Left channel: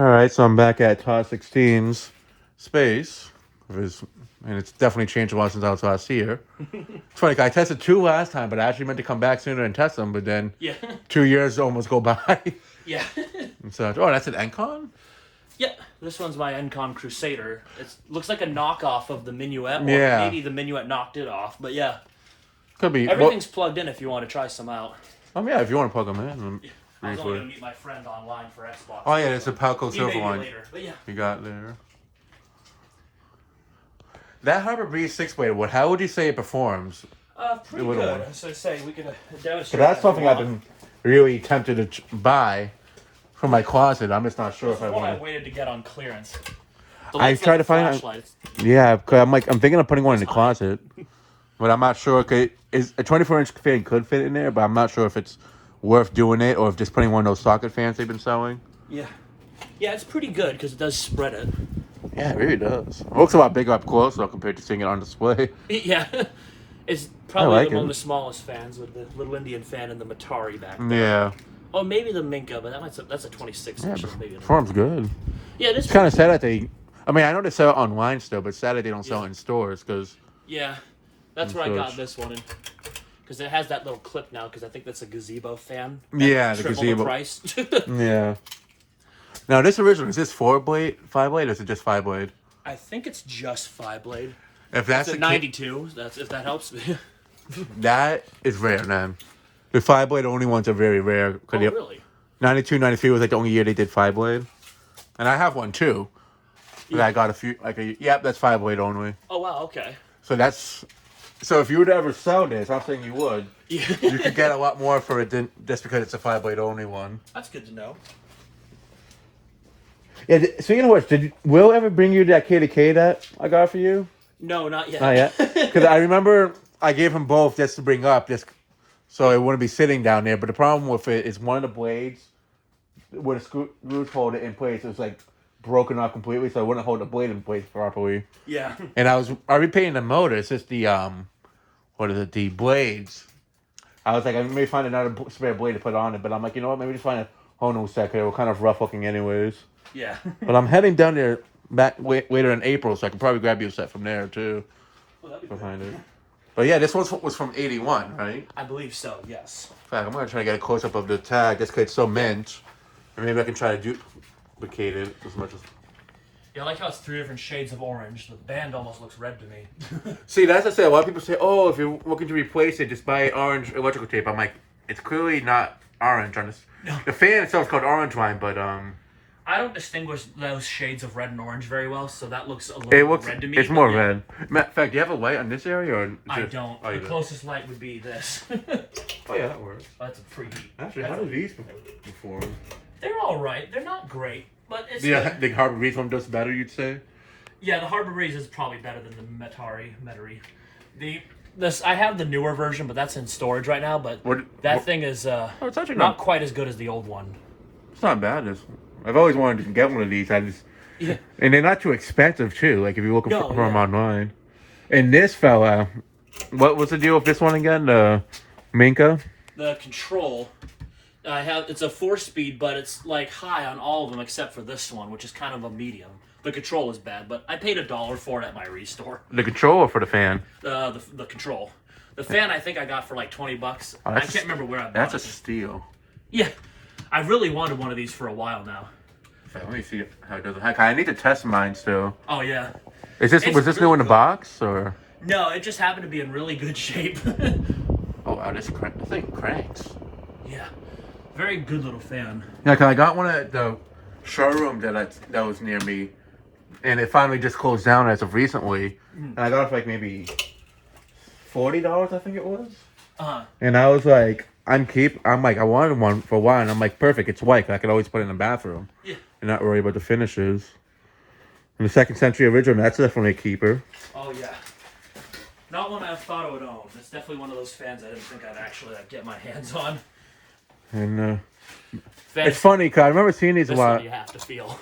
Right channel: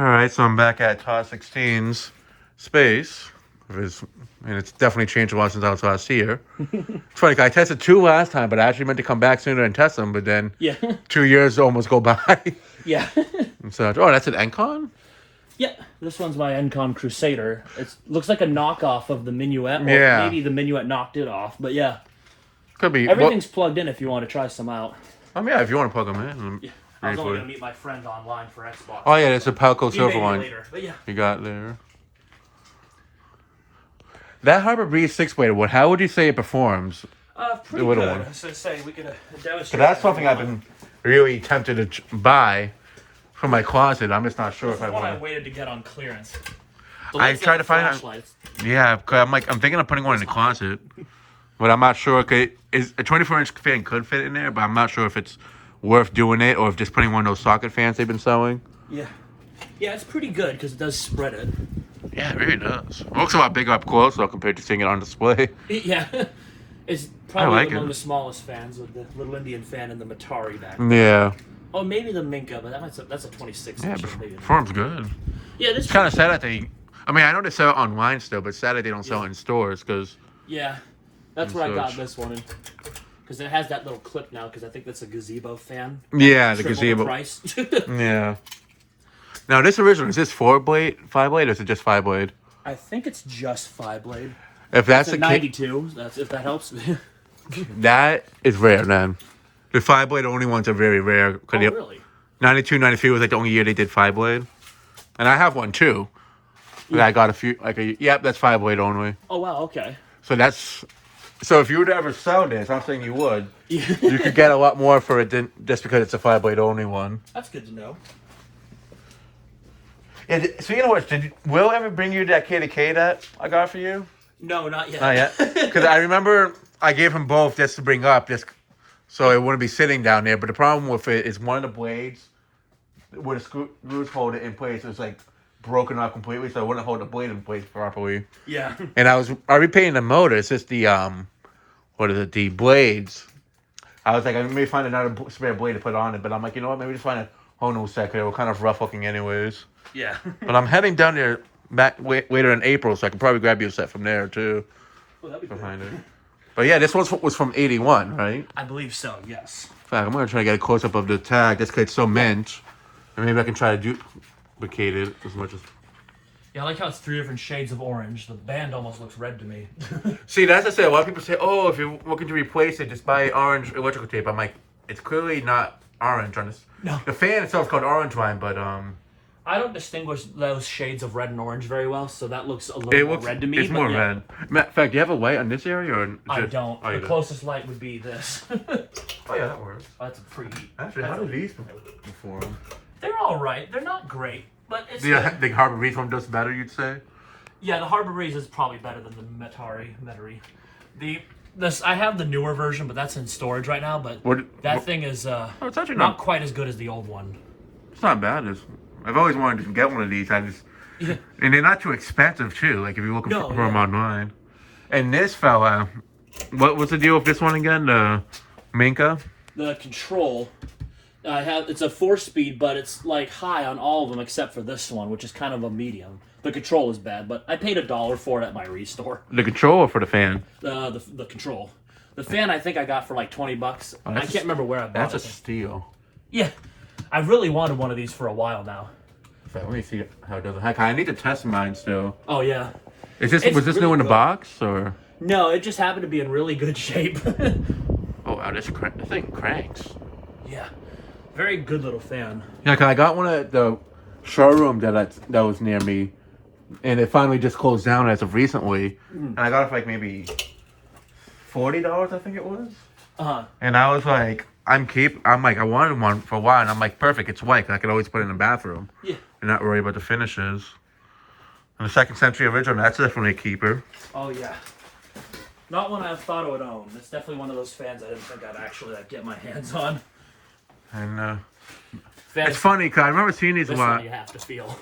All right, so I'm back at Tots16's space. And it's definitely changed a lot since I was last here. It's funny, 'cause I tested two last time, but I actually meant to come back sooner and test them, but then Yeah. 2 years almost go by. Yeah. And such. Oh, that's an Encon? Yeah, this one's my Encon Crusader. It looks like a knockoff of the Minuet, or Yeah. maybe the Minuet knocked it off, but yeah. Could be. Everything's plugged in if you want to try some out. Yeah, if you want to plug them in. Yeah. I was only going to meet my friend online for Xbox. Oh, yeah, it's a Palco Silver line. Later, but yeah. You got there. That Harbor Breeze 6-blade, how would you say it performs? Pretty little good. one. So say we could demonstrate. So that's something I've been really tempted to buy for my closet. I'm just not sure if I One I want to. waited to get on clearance. I tried to find it. Yeah, cause I'm thinking of putting one in the closet, but I'm not sure. Okay, is a 24-inch fan could fit in there, but I'm not sure if it's worth doing it or if just putting one of those socket fans they've been selling. Yeah. Yeah, it's pretty good because it does spread it. Yeah, it really does. It looks a lot bigger up close though compared to seeing it on display. Yeah. It's probably like one it. of the smallest fans with the little Indian fan and the Matari back. Yeah. Oh, maybe the Minka, but that's a 26 Yeah, inch. but Maybe performs good. Yeah, this It's kind of sad that they. I mean, I know they sell it online still, but sad that they don't sell it in stores because. Yeah, that's where I got this one, because it has that little clip now. Because I think that's a gazebo fan. Yeah, the Triple gazebo. price. Yeah. Now this original, is this 4-blade, 5-blade, or is it just 5-blade? I think it's just 5-blade. If that's It's a the 92. That's if that helps. that is rare, then. The 5-blade only ones are very rare. Oh, really? 92, 93 was like the only year they did 5-blade. And I have one too. But Yeah. I got a few, yep, that's 5-blade only. Oh, wow, okay. So if you were to ever sell this, I'm saying you would, Yeah. you could get a lot more for it than just because it's a 5-blade only one. That's good to know. Yeah, speaking of which, did Will ever bring you that KDK that I got for you? No, not yet. Not yet. Because I remember I gave him both just to bring up, just so it wouldn't be sitting down there. But the problem with it is one of the blades, where the screws hold it in place, was like broken off completely, so it wouldn't hold the blade in place properly. Yeah. And I was repainting the motor. It's just the the blades. I was like, I may find another spare blade to put on it, but I'm like, you know what? Maybe just find a whole new set. Cause it was kind of rough looking, anyways. Yeah. But I'm heading down there later in April, so I can probably grab you a set from there too. Well, that'd be Behind it. But yeah, this one was from '81, right? I believe so. Yes. In fact, I'm gonna try to get a close up of the tag just because it's so mint, and maybe I can try to duplicate it as much as. Yeah, I like how it's 3 different shades of orange. The band almost looks red to me. See, that's what I say. A lot of people say, "Oh, if you're looking to replace it, just buy orange electrical tape." I'm like, it's clearly not orange on this. No. The fan itself is called orange line, but I don't distinguish those shades of red and orange very well, so that looks a little more red to me. It's more red. Matter of fact, do you have a light on this area, or I don't. Oh, The closest light would be this. Oh yeah, that works. That's a pretty. Actually, how do these perform? They're all right. They're not great, but it's. Yeah, good. the Harbor Breeze one does better, you'd say. Yeah, the Harbor Breeze is probably better than the Metari. I have the newer version, but that's in storage right now. But that thing is it's actually not quite as good as the old one. It's not bad. I've always wanted to get one of these. And they're not too expensive too. Like if you're looking for them online. And this fella, what was the deal with this one again? The Minka. The control. It's a 4-speed, but it's like high on all of them except for this one, which is kind of a medium. The control is bad, but I paid $1 for it at my restore. The control or for the fan? The control. The fan I think I got for like $20. Oh, I can't remember where I bought it. That's a steal. Yeah, I really wanted one of these for a while now. So let me see how it does. Heck, I need to test mine still. Oh yeah. Was this really new in the good. box or? No, it just happened to be in really good shape. Oh wow, this thing cranks. Yeah, very good little fan. Yeah, cause I got one at the showroom that was near me, and it finally just closed down as of recently. And I got it for like maybe $40, I think it was. And I was like, I'm like, I wanted one for a while, and I'm like, perfect, it's white. I could always put it in the bathroom. Yeah. And not worry about the finishes. And the second century original, that's definitely a keeper. Oh yeah. Not one I thought I would own. It's definitely one of those fans I didn't think I'd actually get my hands on. And it's funny because I remember seeing these a lot. This one you have to feel.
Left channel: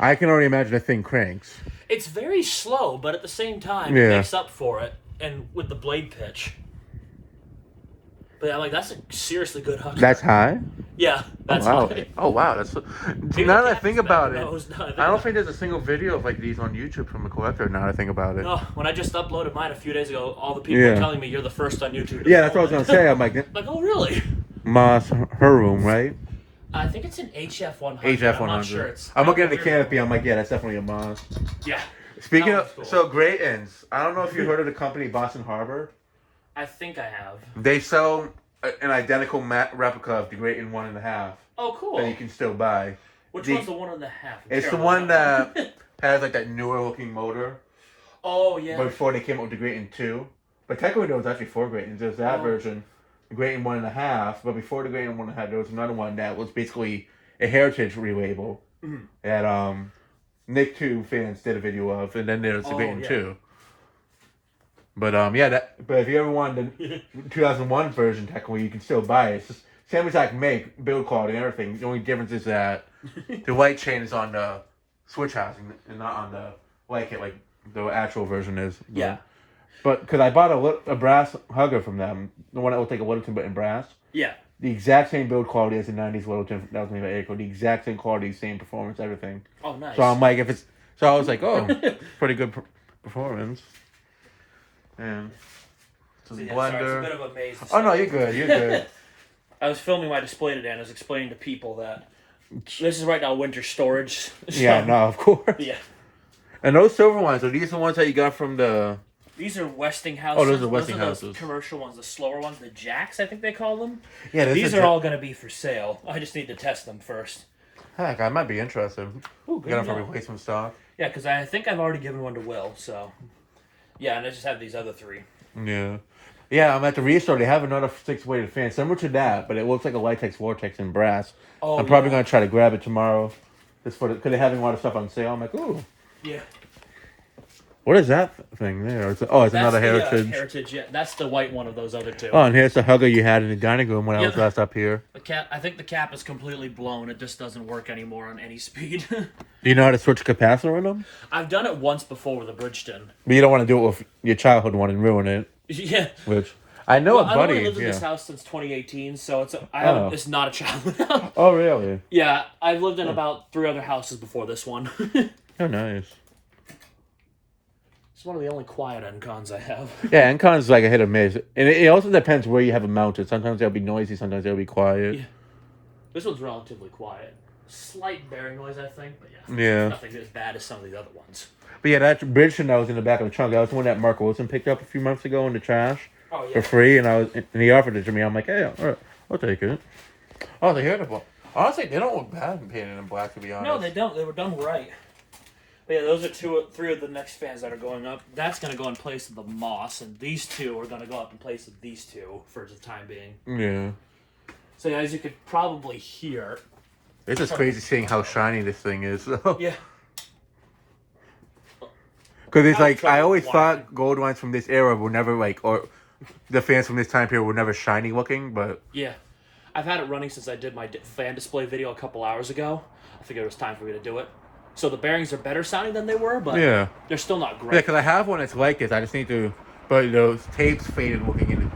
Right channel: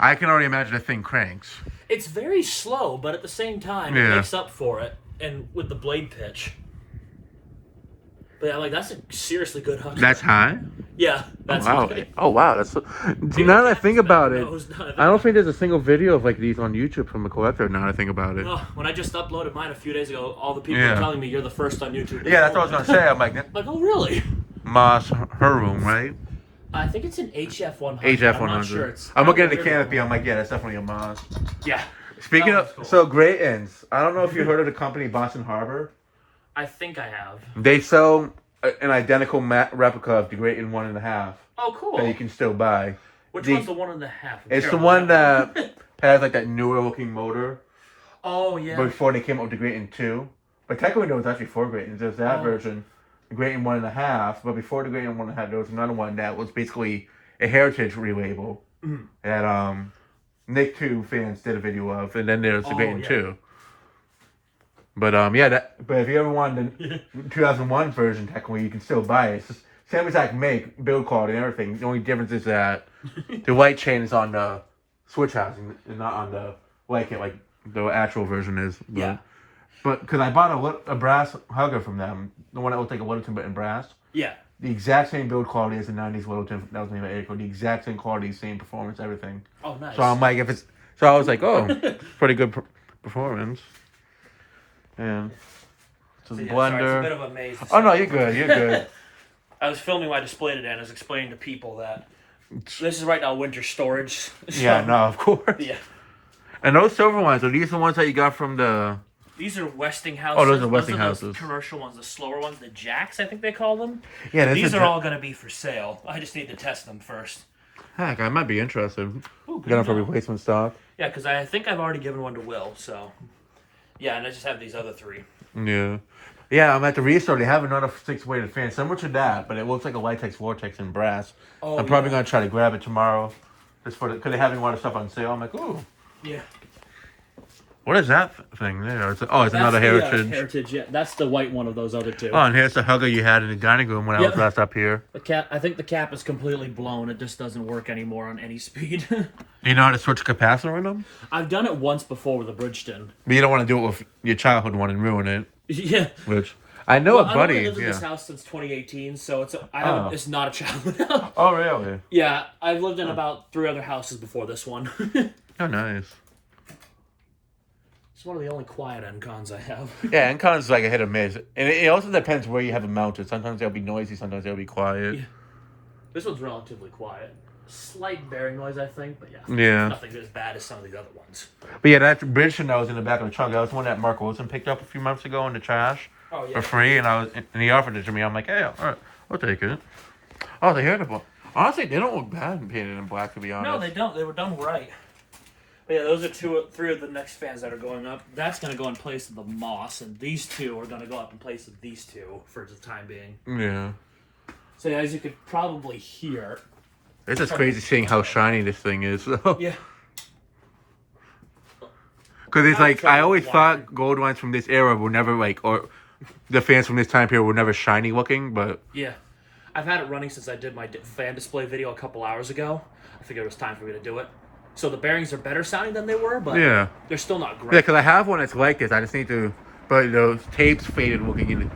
I can already imagine the thing cranks. It's very slow, but at the same time, it makes up for it, and with the blade pitch. But I'm like, that's a seriously good hugger. That's high? Yeah, that's wow. high. Oh, wow. That's now that I think about it, I don't think there's a single video of like these on YouTube from a collector now that I think about it. No, when I just uploaded mine a few days ago, all the people are telling me you're the first on YouTube to Yeah, that's what I was going to say. I'm like, oh, really? Moss Heroom, right? I think it's an HF 100. HF 100. I'm not sure. I'm looking at the canopy. I'm like, yeah, that's definitely a Moss. Yeah. Speaking of, cool. So Great Ends. I don't know if you heard of the company Boston Harbor. I think I have. They sell an identical replica of the Great End 1.5. Oh, cool. That you can still buy. Which one's the 1.5? It's the one that has like that newer looking motor. Oh, yeah. Before they came up with the Great End 2. But technically there was actually 4 Great Ends. There's that version, the Great End 1.5. But before the Great End 1.5, there was another one that was basically a heritage relabel that Nick 2 fans did a video of, and then there's the Great End 2. But but if you ever wanted the 2001 version, technically you can still buy it. It's just same exact make, build quality, and everything. The only difference is that the light chain is on the switch housing and not on the light kit like the actual version is. But, yeah. But because I bought a brass hugger from them, the one that will take a Littleton but in brass. Yeah. The exact same build quality as the 90s Littleton that was made by Airco. The exact same quality, same performance, everything. Oh, nice. So I'm like, so I was like, oh, pretty good performance. And so the blender. Sorry, it's a bit of a maze. Oh no, you're good. You're good. I was filming my display today and I was explaining to people that this is right now winter storage. So, yeah, no, of course. Yeah. And those silver ones, are these the ones that you got from the... These are Westinghouses. Oh, those are Westinghouses. Those commercial ones, the slower ones, the Jacks, I think they call them. Yeah, these are all going to be for sale. I just need to test them first. Heck, I might be interested. Ooh, Get them for replacement stock. Yeah, because I think I've already given one to Will, so... Yeah, and I just have these other 3. Yeah. Yeah, I'm at the restore. They have another 6-weighted fan, similar to that, but it looks like a Litex Vortex in brass. Oh, I'm probably going to try to grab it tomorrow. Just for because they're having a lot of stuff on sale. I'm like, ooh. Yeah. What is that thing there? It's another Heritage. Heritage, yeah. That's the white one of those other 2. Oh, and here's the hugger you had in the dining room when I was last up here. The cap. I think the cap is completely blown. It just doesn't work anymore on any speed. Do you know how to switch capacitor in them? I've done it once before with a Bridgestone. But you don't want to do it with your childhood one and ruin it. Yeah. Which I know a buddy. I've only lived in this house since 2018, so it's not a childhood house. Oh, really? Yeah, I've lived in about 3 other houses before this one. Oh, nice. It's one of the only quiet Encons I have. Yeah, Encons is like a hit or miss. And it also depends where you have it mounted. Sometimes they'll be noisy, sometimes they'll be quiet. Yeah. This one's relatively quiet. Slight bearing noise, I think, but nothing as bad as some of the other ones. But yeah, that Bridgestone that was in the back of the trunk, that was the one that Mark Wilson picked up a few months ago in the trash for free, and he offered it to me. I'm like, hey, all right, I'll take it. Oh, they hear the honestly, they don't look bad painted in black, to be honest. No, they don't. They were done right. But yeah, those are 3 of the next fans that are going up. That's going to go in place of the Moss, and these 2 are going to go up in place of these 2 for the time being. Yeah. So yeah, as you could probably hear... It's just crazy seeing how shiny this thing is, though. Yeah. Because it's like, I always thought gold ones from this era were never or the fans from this time period were never shiny looking, but... Yeah. I've had it running since I did my fan display video a couple hours ago. I figured it was time for me to do it. So the bearings are better sounding than they were, but they're still not great. Yeah, because I have one that's like this. I just need to... But those tapes faded looking in it.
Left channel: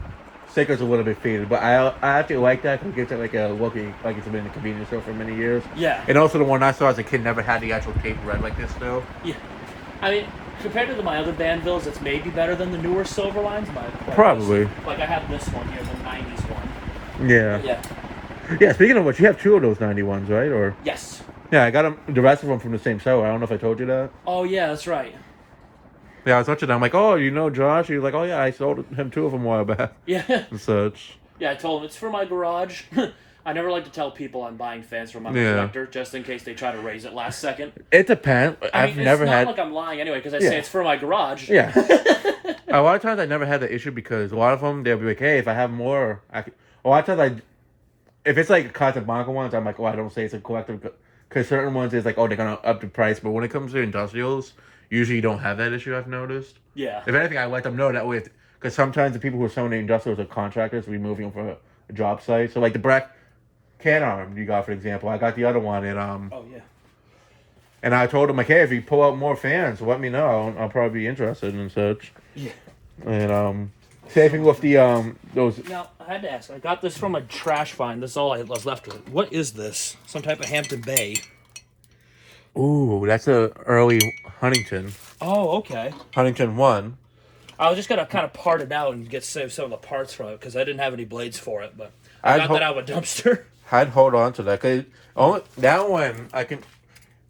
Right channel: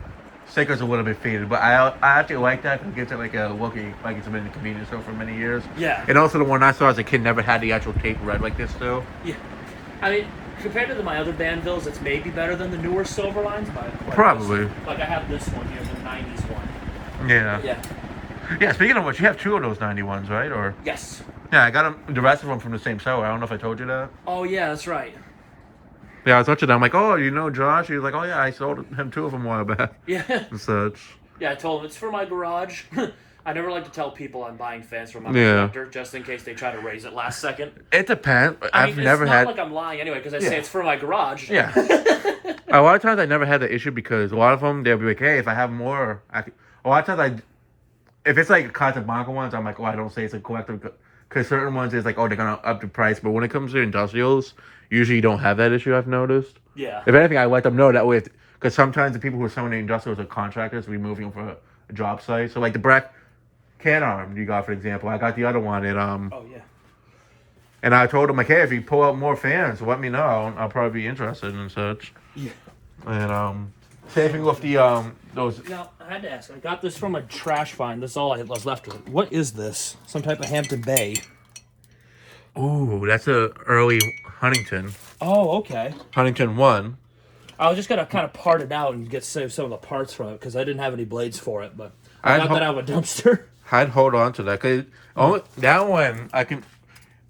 Sticker's a little bit faded, but I actually like that because it gives it like a looking, like it's been in the convenience store for many years. Yeah. And also the one I saw as a kid never had the actual tape red like this, though. Yeah. I mean, compared to my other Banvilles, it's maybe better than the newer silver lines. Probably. Like I have this one here, the 90s one. Yeah. Yeah. Yeah, speaking of which, you have 2 of those 91s, right? Or yes. Yeah, I got them, the rest of them from the same seller. I don't know if I told you that. Oh, yeah, that's right. Yeah, I was watching that. I'm like, oh, you know Josh? He was like, oh, yeah, I sold him 2 of them a while back. Yeah. And such. Yeah, I told him it's for my garage. I never like to tell people I'm buying fans from my collector, just in case they try to raise it last second. It depends. I've never had... It's not like I'm lying anyway, because I say it's for my garage. Yeah. A lot of times I never had the issue because a lot of them, they'll be like, hey, if I have more... A lot of times if it's like Casablanca ones, I'm like, oh, I don't say it's a collector. Because certain ones is like, oh, they're going to up the price. But when it comes to industrials, usually you don't have that issue, I've noticed. Yeah. If anything, I let them know that way. Because sometimes the people who are selling the industrials are contractors removing them from a job site. So like the Breck can arm you got, for example. I got the other one. And, oh, yeah. And I told them, like, hey, if you pull out more fans, let me know. I'll probably be interested and such. Yeah. And, Same thing with the those. Now, I had to ask. I got this from a trash find. That's all I was left with. What is this? Some type of Hampton Bay. Ooh, that's a early Huntington. Oh, okay. Huntington 1. I was just gonna kind of part it out and get some of the parts from it because I didn't have any blades for it, but I got that out of a dumpster. I'd hold on to that because that one I can.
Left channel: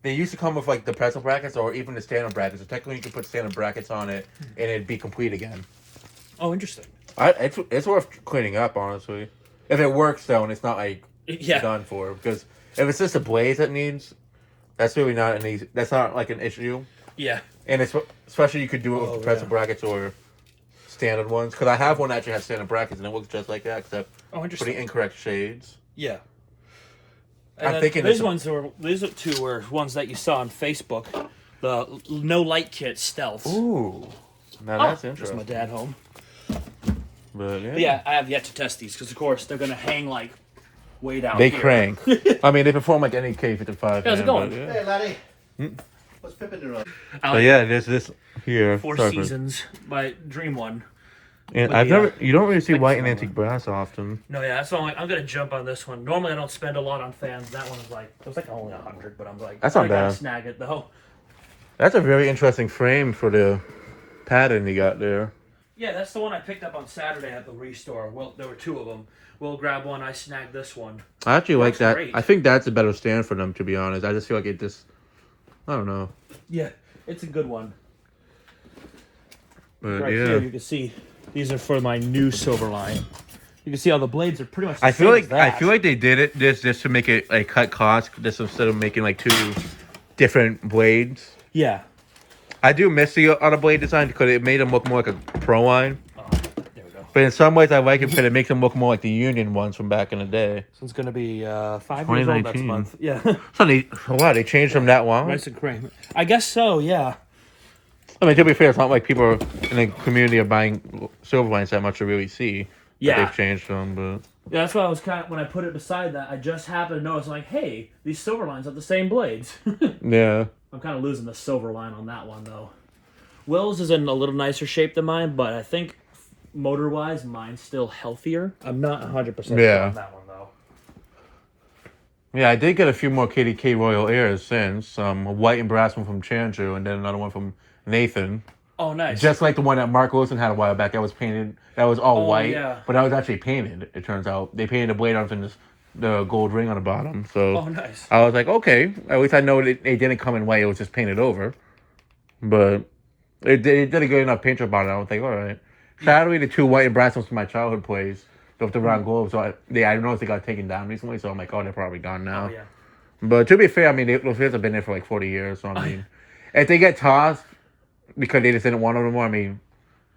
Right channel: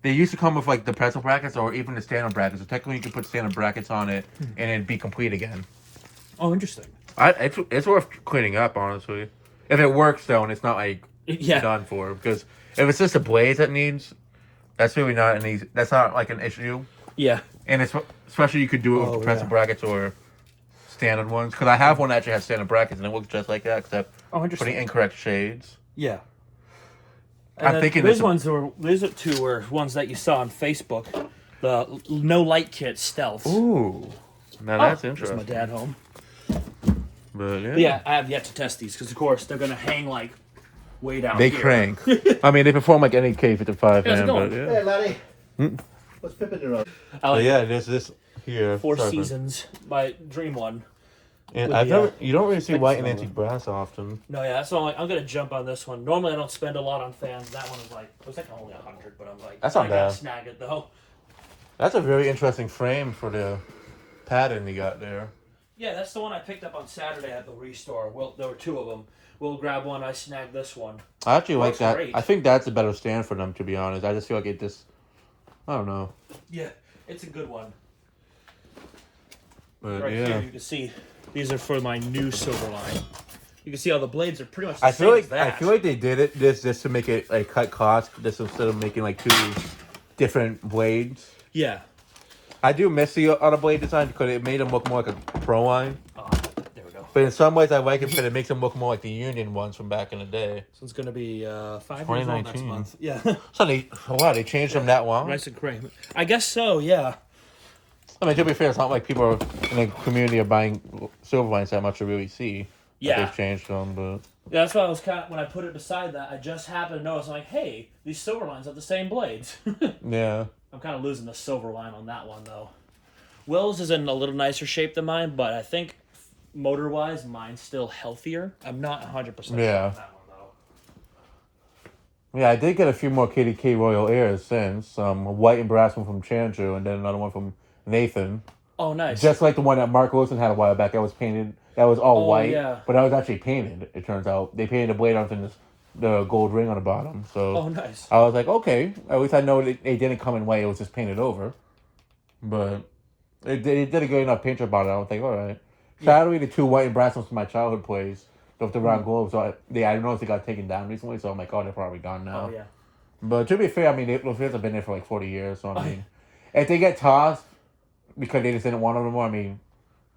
They used to come with like the pretzel brackets or even the standard brackets. So technically, you could put standard brackets on it and it'd be complete again. Oh, interesting. It's worth cleaning up, honestly. If it works though, and it's not like done for. Because if it's just the blades that needs, that's really not that's not like an issue. Yeah. And it's especially you could do it with pretzel brackets or standard ones. Because I have one that actually has standard brackets and it looks just like that, except for the incorrect shades. Yeah. I'm thinking these two were ones that you saw on Facebook. The no light kit stealth. Ooh. Now that's interesting. There's my dad home. But I have yet to test these because, of course, they're gonna hang like way down. They crank. I mean, they perform like any K55 hand. But, Hey, laddie. What's Pippin doing? There's this here. Four Seasons, my dream one. And you don't really see white and antique brass often. No, yeah, that's why I'm gonna jump on this one. Normally, I don't spend a lot on fans. That one was it was like only 100, but I'm like, that's not bad. Snag it though. That's a very interesting frame for the pattern you got there. Yeah, that's the one I picked up on Saturday at the Restore. Well, there were two of them. We'll grab one. I snagged this one. I actually like that. Great. I think that's a better stand for them, to be honest. I just feel like it just, I don't know. Yeah, it's a good one. But right here, you can see these are for my new Silverline. You can see how the blades are pretty much. I feel like they did this just to make it like cut costs, just instead of making like two different blades. Yeah. I do miss the other blade design because it made them look more like a Pro line. There we go. But in some ways, I like it because it makes them look more like the Union ones from back in the day. So it's gonna be 5 years old next month. Yeah. So they changed them that long? Nice and cream. I guess so. Yeah. I mean, to be fair, it's not like people in the community are buying Silverlines that much to really see. Yeah. They've changed them, but. Yeah, that's why I was when I put it beside that, I just happened to notice, like, hey, these Silverlines have the same blades. Yeah. I'm kind of losing the Silverline on that one, though. Will's is in a little nicer shape than mine, but I think motor-wise, mine's still healthier. I'm not 100% sure on that one, though. Yeah, I did get a few more KDK Royal Airs since. A white and brass one from Chandru, and then another one from Nathan. Oh, nice. Just like the one that Mark Wilson had a while back. That was painted. That was all white. Yeah. But that was actually painted, it turns out. They painted the blade onto the gold ring on the bottom. So nice. I was like, okay. At least I know it didn't come in white. It was just painted over. But it did a good enough paint job on it. I was like, all right. Sadly, the two white and brass ones from my childhood plays with the round globes. So I noticed they got taken down recently. So I'm like, oh, they're probably gone now. Oh, yeah. But to be fair, I mean, those fans have been there for like 40 years. So I mean, if they get tossed because they just didn't want them anymore, I mean,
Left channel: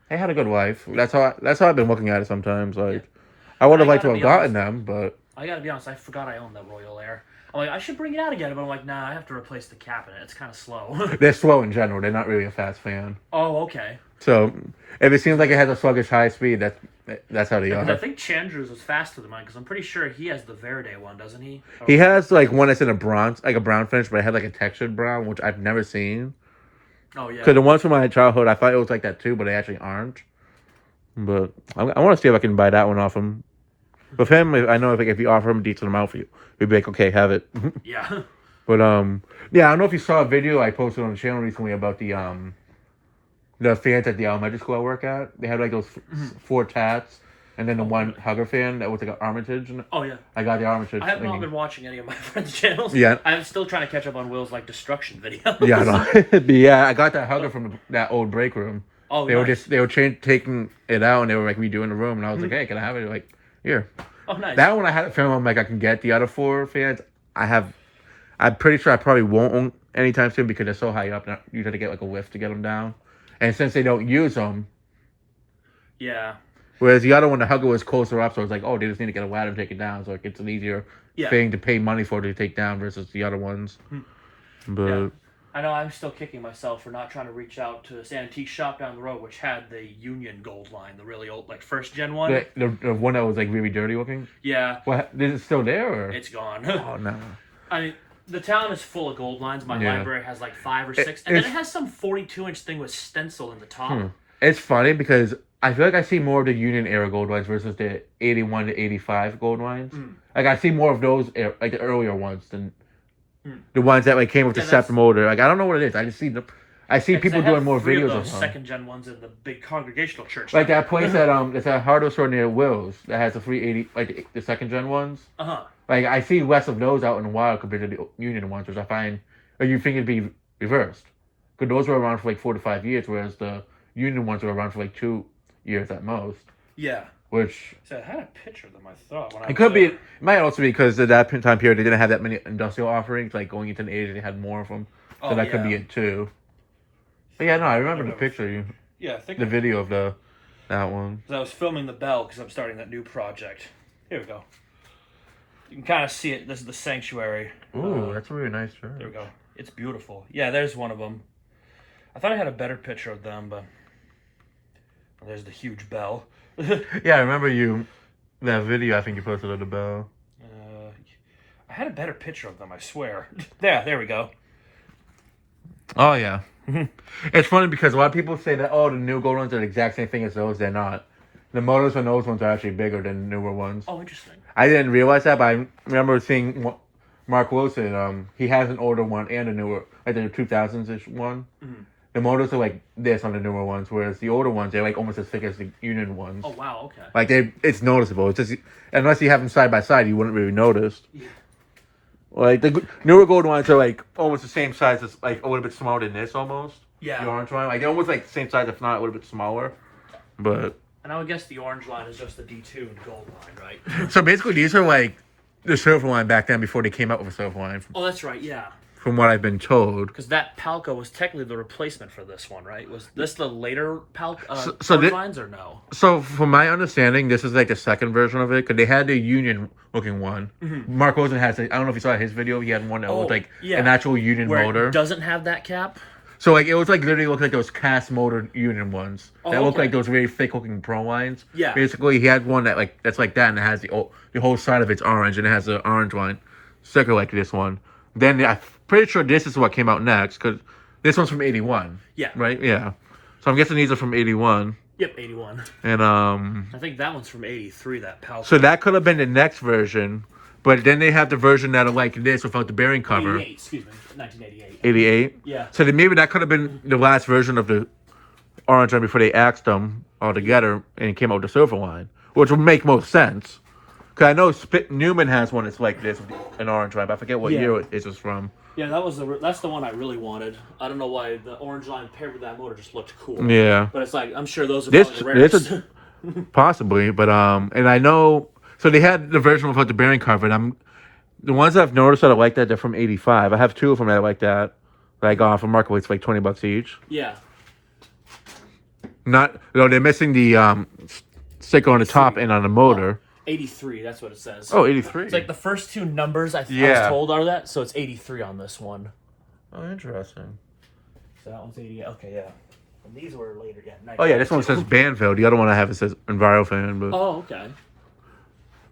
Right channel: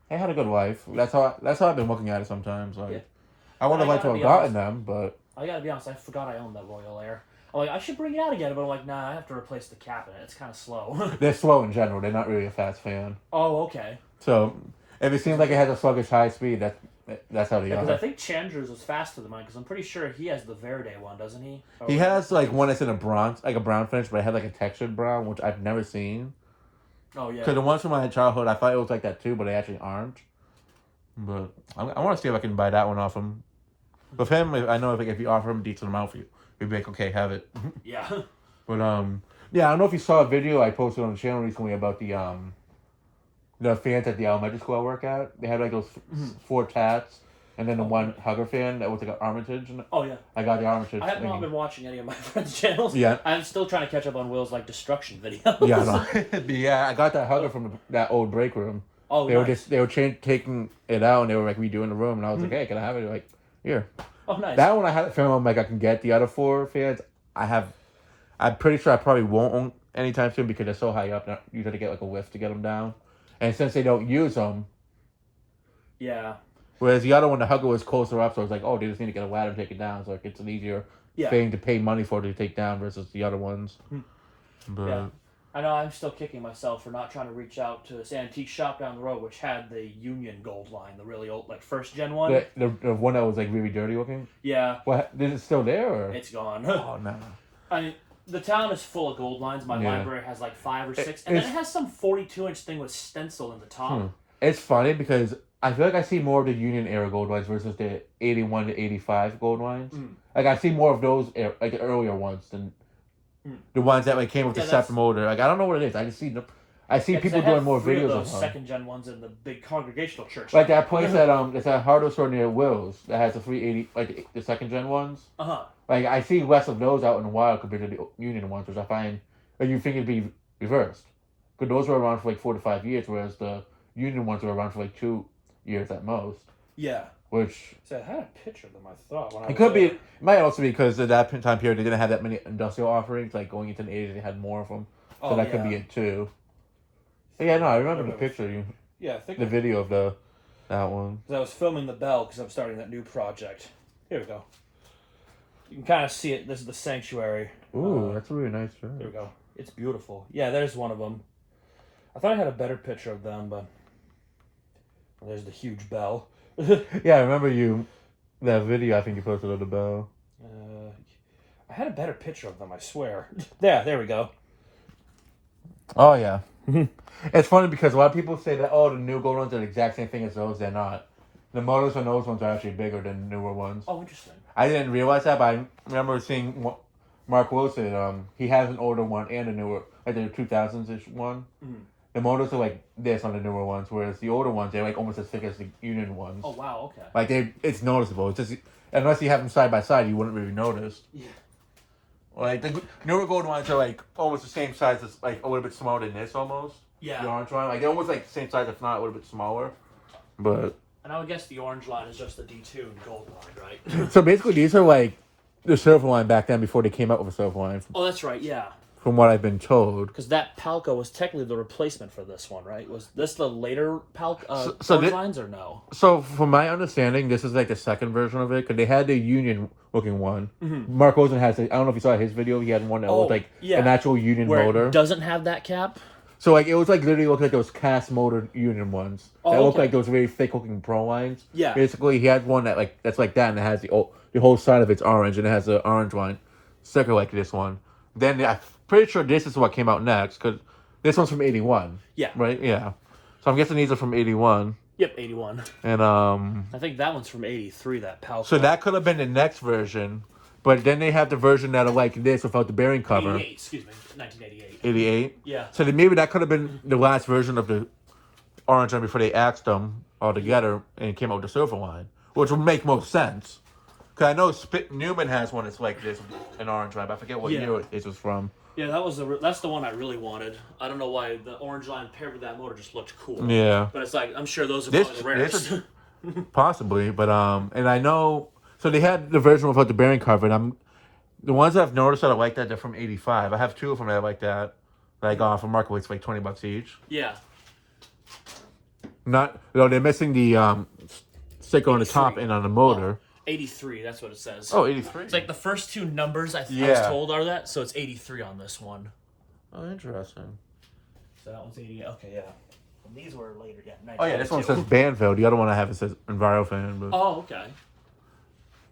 they had a good life. That's how I've been looking at it sometimes. Like, I would have liked to have gotten them, but I gotta be honest, I forgot I owned that Royal Air. I'm like, I should bring it out again, but I'm like, nah, I have to replace the cabinet. It's kind of slow. They're slow in general. They're not really a fast fan. Oh, okay. So if it seems like it has a sluggish high speed, that's how they are. I think Chandru's was faster than mine because I'm pretty sure he has the Verde one, doesn't he? He has like one that's in a bronze, like a brown finish, but it had like a textured brown, which I've never seen. Oh yeah. Because the ones from my childhood, I thought it was like that too, but they actually aren't. But I want to see if I can buy that one off him. With him, I know if you offer him a decent amount for you, he'd be like, okay, have it. Yeah. But yeah, I don't know if you saw a video I posted on the channel recently about the fans at the elementary school I work at. They had like those 4 tats, and then the one hugger fan that was like an Armitage. Oh yeah. I got the Armitage. I have not been watching any of my friends' channels. Yeah. I'm still trying to catch up on Will's like destruction videos. Yeah, I know. But yeah, I got that hugger from that old break room. Oh, they were taking it out and they were like redoing the room, and I was like, hey, can I have it? Like, here. Oh, nice. That one I had a film. I'm like, I can get the other 4 fans. I'm pretty sure I probably won't own anytime soon because they're so high up. You have to get like a lift to get them down. And since they don't use them, yeah. Whereas the other one, the hugger was closer up, so I was like, oh, they just need to get a ladder and take it down. So like, it's an easier thing to pay money for to take down versus the other ones. But yeah. I know I'm still kicking myself for not trying to reach out to this antique shop down the road, which had the Union Gold line, the really old, like first gen one. The one that was like really dirty looking. Yeah. Well, is it still there? Or? It's gone. Oh no. I mean, the town is full of gold lines. My library has like 5 or 6, and then it has some 42-inch thing with stencil in the top. It's funny because I feel like I see more of the Union era gold wines versus the 81 to 85 gold wines. Like I see more of those like the earlier ones than the ones that like came with the SEP motor. Like I don't know what it is. I just see the. I see people doing more videos of them. Second gen ones in the big congregational church. Like that place that it's a hardware store near Will's that has the 380 like the second gen ones. Like I see less of those out in the wild compared to the Union ones, which I find. Or you think it'd be reversed? Because those were around for like 4 to 5 years, whereas the Union ones were around for like 2 years at most. Yeah. Which. So I had a picture of them. I thought. When It could be. It might also be because at that time period they didn't have that many industrial offerings. Like going into the 80s, they had more of them. So that could be it too. But yeah, no, I remember the picture. Yeah, I think the video of that one. I was filming the bell because I'm starting that new project. Here we go. You can kind of see it. This is the sanctuary. Ooh, that's a really nice shirt. There we go. It's beautiful. Yeah, there's one of them. I thought I had a better picture of them, but there's the huge bell. Yeah, I remember that video. I think you posted of the bell. I had a better picture of them. I swear. There we go. Oh yeah. It's funny because a lot of people say that the new gold ones are the exact same thing as those. They're not. The motors on those ones are actually bigger than the newer ones. Oh, interesting. I didn't realize that, but I remember seeing Mark Wilson. He has an older one and a newer, like the 2000s-ish one. Mm-hmm. The motors are like this on the newer ones, whereas the older ones they're like almost as thick as the Union ones. Oh wow, okay. Like it's noticeable. It's just unless you have them side by side, you wouldn't really notice. Yeah. Like the newer gold ones are like almost the same size as like a little bit smaller than this almost. Yeah. The orange one, like they're almost like the same size, if not a little bit smaller. But. And I would guess the orange line is just the detuned gold line, right? So basically, these are like the silver line back then before they came out with a silver line. Oh, that's right. Yeah. From what I've been told. Because that Palco was technically the replacement for this one, right? Was this the later Palco lines or no? So from my understanding, this is like the second version of it because they had the Union looking one. Mm-hmm. Mark Rosen has. I don't know if you saw his video. He had one that looked like an actual Union motor. It doesn't have that cap. So like it was like literally looked like those cast motor Union ones that looked like those very fake looking pro lines. Yeah. Basically, he had one that's like that, and it has the whole side of it's orange, and it has the orange line, sticker like this one. Then I'm pretty sure this is what came out next because this one's from '81. Yeah. Right. Yeah. So I'm guessing these are from '81. Yep, 81. And I think that one's from '83. That Palco. So that could have been the next version. But then they have the version that are like this without the bearing cover. 88, excuse me, 1988. 88? Yeah. So then maybe that could have been the last version of the orange line before they axed them all together and came out with the silver line, which would make most sense. Because I know Newman has one that's like this, an orange line, but I forget what year it was from. Yeah, that's the one I really wanted. I don't know why the orange line paired with that motor just looked cool. Yeah. But it's like, I'm sure those are probably the rarest. Possibly, but and I know... So they had the version without the bearing cover, and the ones that I've noticed that I like that, they're from '85. I have 2 of them that I like that I got off of Marketplace for like $20 each. Yeah. They're missing the sticker on the top and on the motor. 83, that's what it says. Oh, 83. It's like the first 2 numbers I was told are that, so it's 83 on this one. Oh, interesting. So that one's 88. Okay, yeah. And these were later, yeah. Oh yeah, this one says Banville. The other one I have it says EnviroFan. But... Oh, okay.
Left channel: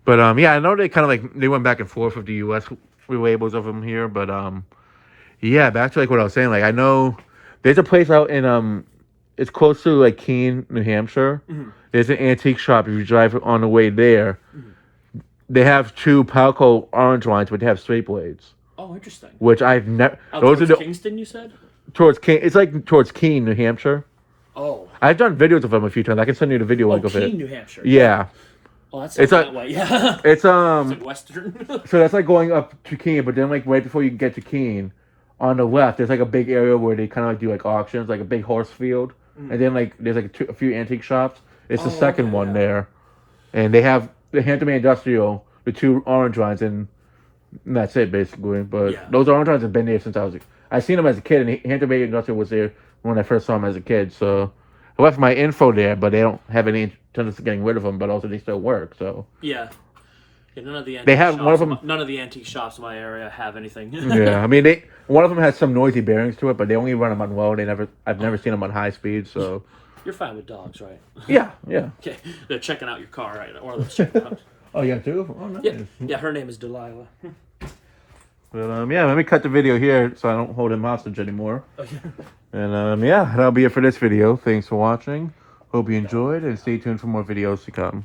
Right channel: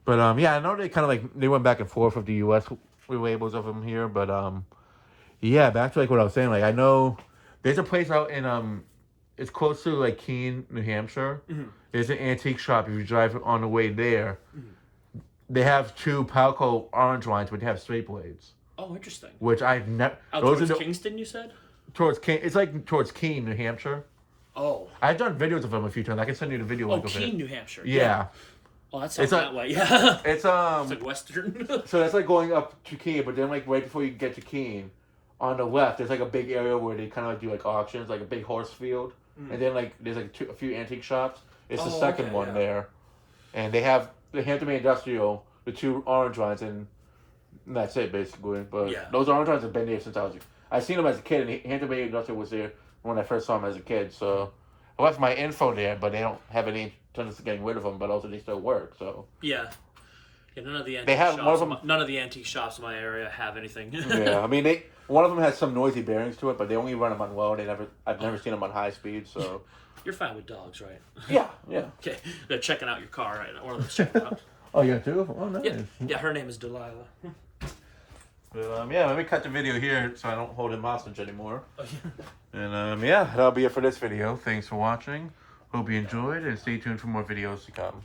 But I know they kind of like they went back and forth with the U.S. labels of them here, but yeah, back to like what I was saying. Like I know there's a place out in it's close to like Keene, New Hampshire. Mm-hmm. There's an antique shop. If you drive on the way there, they have 2 Palco orange lines, but they have straight blades. Oh, interesting. Which I've never. Those are Kingston, you said? Towards Keene, it's like towards Keene, New Hampshire. Oh. I've done videos of them a few times. I can send you the video link of it. Keene, New Hampshire. Yeah. Oh, that's that way. Yeah. It's like Western. So that's like going up to Keene, but then like right before you get to Keene, on the left there's like a big area where they kind of like do like auctions, like a big horse field, and then like there's like a few antique shops. It's the second one there, and they have the Hampton Bay Industrial, the 2 orange lines, and that's it basically. But those orange lines have been there since I seen them as a kid, and Hampton Bay Industrial was there when I first saw them as a kid. So I left my info there, but they don't have any intentions of getting rid of them. But also they still work. So yeah, none of the antique they have shops, one of them. None of the antique shops in my area have anything. Yeah, I mean one of them has some noisy bearings to it, but they only run them on low. I've never seen them on high speed. So you're fine with dogs, right? Yeah. Okay, they're checking out your car right now. Or they're checking out. Oh, yeah, 2 of them. Oh, nice. Yeah, her name is Delilah. Well, yeah, let me cut the video here so I don't hold him hostage anymore. Oh, yeah. And yeah, that'll be it for this video. Thanks for watching. Hope you enjoyed and stay tuned for more videos to come.